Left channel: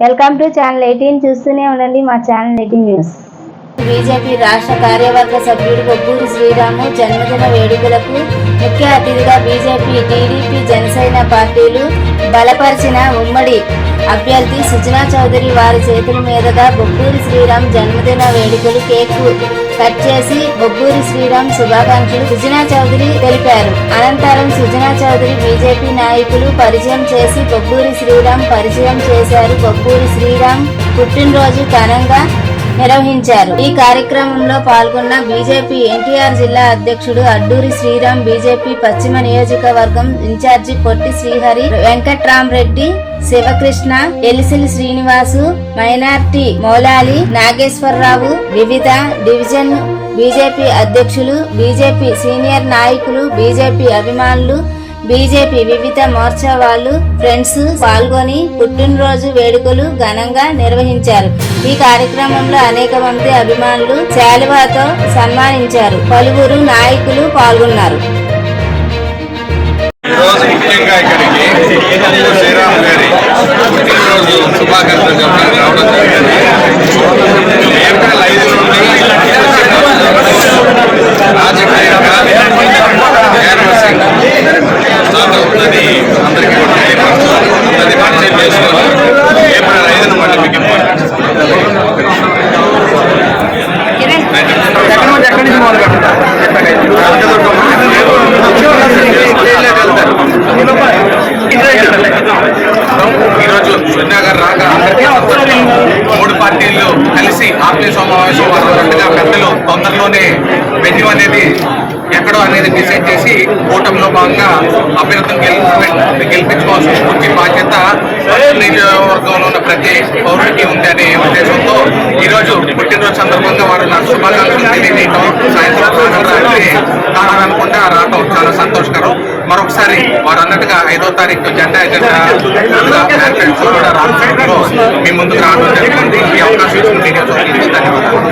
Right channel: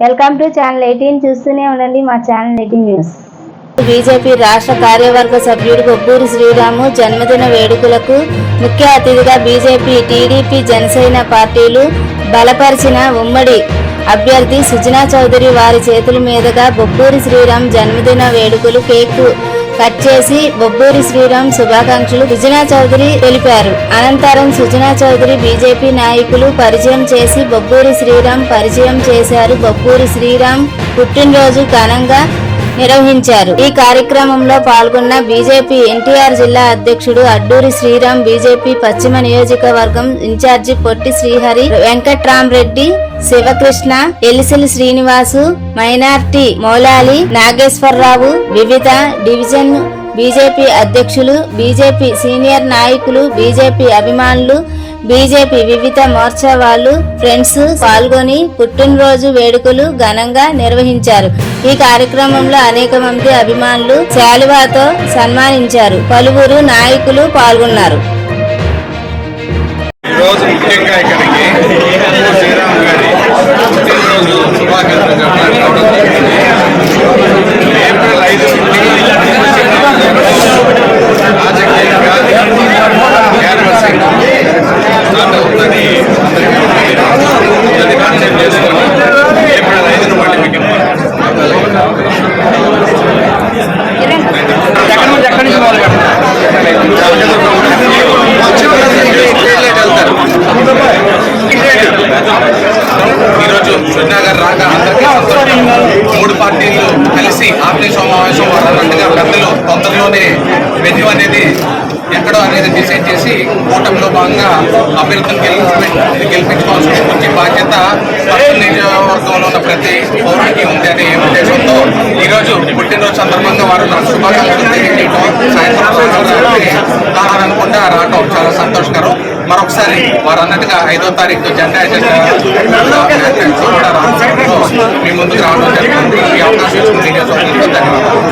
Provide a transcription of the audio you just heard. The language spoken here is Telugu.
వెల్కమ్ టు ఛానల్ 18 చూస్తూనే ఉండండి మా ఛానల్ 18 న్యూస్. బీజేపీ రాష్ట్ర కార్యవర్గ సభ్యుడు బొబ్బూరి శ్రీరాము జన్మదిన వేడుకలకు ముఖ్య అతిథిగా బీజేపీ, టీడీపీ, జనసేన పార్టీలు బలపరిచిన ఉమ్మడి అభ్యర్థి సుజనా చౌదరి వారి చేతుల మీదుగా బొబ్బూరి శ్రీరామ్ జన్మదిన వేడుకలు కేక్ కట్ చేసి బొబ్బూరి శ్రీరామ్ శుభాకాంక్షలు సుజనా చౌదరి తెలిపారు. అనంతరం సుజనా చౌదరి బీజేపీ నాయకులు పరిచయం చేసి బొబ్బూరి శ్రీరామ్ పరిచయం చేశారు. బొబ్బూరి శ్రీరామ్ పుట్టినరోజు ఘనంగా నిర్వహించారు. ఈ కార్యక్రమంలో పాల్గొన్న బీజేపీ ఎన్టీఆర్ జిల్లా అధ్యక్షుడు అడ్డూరి శ్రీరామ్, బీజేపీ పశ్చిమ నియోజకవర్గం ఇన్ఛార్జి పొట్టి శ్రీహరి, వెంకట్రామరెడ్డి, శివకృష్ణ, ఎలిసిలి శ్రీనివాసు, మైనార్టీ మౌలాలి నాగేశ్వరరావు, వివిధ డివిజన్ బీజేపీ అధ్యక్షులు, బీజేపీ సీనియర్ నాయకులు, బీజేపీ అభిమానులు, బీజేపీ వివిధ మోర్చా వాళ్ళు, ఫ్రెండ్స్ పాల్గొని పుట్టినరోజు వేడుకలు ఘనంగా నిర్వహించారు. ఈ కార్యక్రమంలో అనేక మంది అభిమానులు శాలువాతో సన్మానించారు. పలువురు నాయకులు పాల్గొన్నారు. ఈరోజు ముఖ్యంగా ఇక్కడికి శ్రీరామ్ గారి పుట్టినరోజు శుభాకాంక్షలు చెప్పడానికి రావడం జరిగింది. ఏప్రిల్ 5 నుండి రాజకీయంగా క్యాన్వసింగ్ స్టార్ట్ అవుతుందని అందరికీ కూడా తెలియపరచాలి. అందరినీ పరిచయం చేసుకొని ఏప్రిల్ 5న మళ్ళీ మీకు ఈరోజు సుజనా గారు రాక అందరికీ సంతోషం. 3 పార్టీలు కలిసి ఆత్మీయ సమావేశం వారు అన్నట్టుగా పెద్దలు తొందరలోనే వెన్యూ అనేది ఎక్కడో అనేది డిసైడ్ చేసి కూటమిలో భాగంగా అభ్యర్థులను గెలిపించుకోవాల్సి వచ్చే బాధ్యత నియోజకవర్గంలో ఉన్న ప్రతి పౌరుడికి ఉంది అనే ఉద్దేశంతో ఈరోజు పుట్టినరోజు సందర్భంగా వారు నాకు శుభాకాంక్షలు తెలియజేయటం, సాయంత్రం రాగలరాలంటే కాదనకుండా రావటం చాలా సంతోషకరం. మరొకసారి వారు అన్నట్టుగా 5వ తారీఖు జెండా మ్యాన్ఫెస్టో కూడా రామచంద్రలో మీ ముందుకు రావడం జరుగుతుంది. ఈ అవకాశం ఇచ్చిన మీడియా సోదరులకు ధన్యవాదాలు.